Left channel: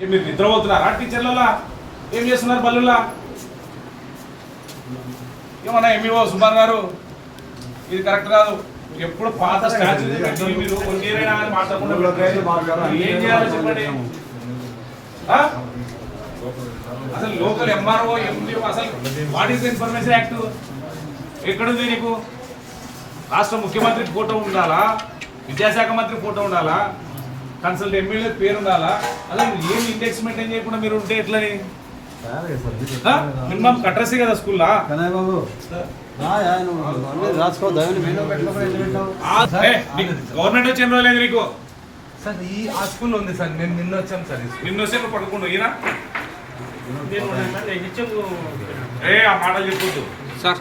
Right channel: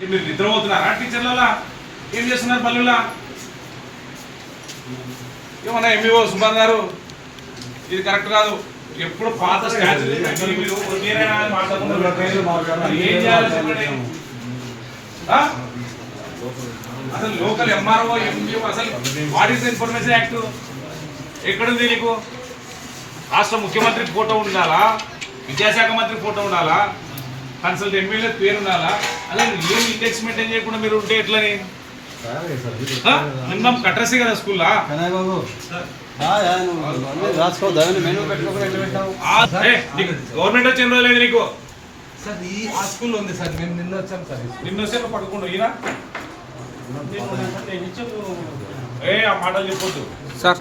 మీరు నిద్రపోతున్నారా టీచర్లలా? ఏం చేస్తున్నారు పల్లెల్లా? ఏమన్నా ఎంఈఓ సుమార్ గారు? ఇది కరెక్ట్ కాదు. ఎప్పుడు పాత? అసలు లోకల్ ఎంఆర్ఓ ఎంపీఓ అసలు వాట్ ఈస్ ఇన్ఫర్మేషన్ యాక్ట్ ఎక్కడుంది నీకు? రాష్ట్ర ముఖ్యమంత్రి ఫోటో ఉండాలా? విద్యాశాఖ మంత్రి ఫోటో ఉండాలా? కన్సల్ట్ ఎమ్మెల్యే పేరు ఉండాలా అలా ఏం ఇండెక్స్ మెయింటైన్ చేయకుండా మీరు ఉంటే ఎట్లని? మినిమం కట్రసీ కదా స్కూల్లా? బాబు. గవర్నమెంట్ వచ్చి ఎన్ని రోజులైంది నీకు? సార్ ఈ ఆ స్కూల్ ఉంది సార్ నేను నిన్న వచ్చాను సార్. నిన్ను నువ్వు పడుకుంటూ ఈయన? ఏ ఆ మాట చెప్పొద్దు. సార్.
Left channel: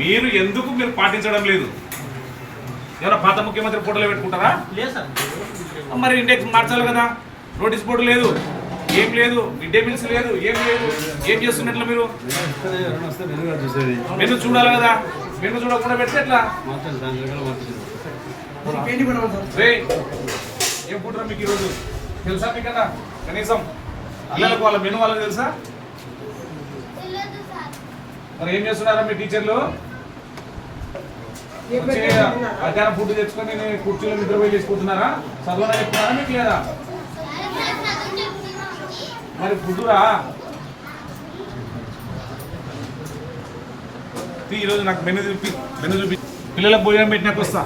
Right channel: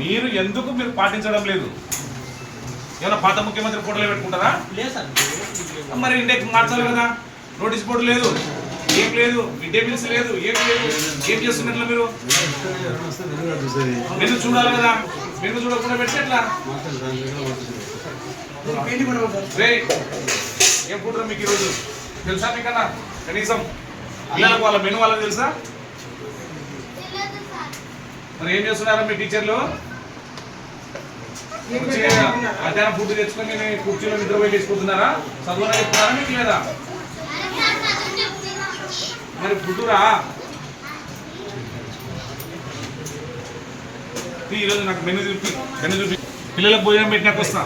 మీరు ఎందుకు మీరు పాటించడం లేదు? ఏమైనా పాత ముఖ్యమంత్రి ఫోటోలు పెట్టుకుంటారా? మరి ఇండెక్స్ మార్చాలి కదా. నోటీస్ బోర్డు లేదు. ఏం లేదు. మిడ్ డే మీల్స్ లేదు. ఏం లేదు. ఏం చేస్తున్నట్లు మీరు? మెను చూడాలి కదా. మెను చూడకుండా పెడితే ఎట్లా? ఏం ఫుడ్ మీకు ఈరోజు? తెలుసా మీకన్నా కనీసం పిల్లలకు వాళ్ళ మెను వాళ్ళకి తెలుసా? మరి ఏం చేస్తున్నారా మీ టీచర్లు? మధ్యాహ్నం ఫుడ్ తెచ్చుకొని నేను కుర్చీలో నిద్ర పోయి తీసుకుంటున్నారా చదువునా చెప్తున్నారా మీకు లేదా? మరి ఫుడ్రా ఈరోజు నాకు మెను చూపి మెను చూపి. పిల్లలకు భోజనం పెట్టినాక వస్తా.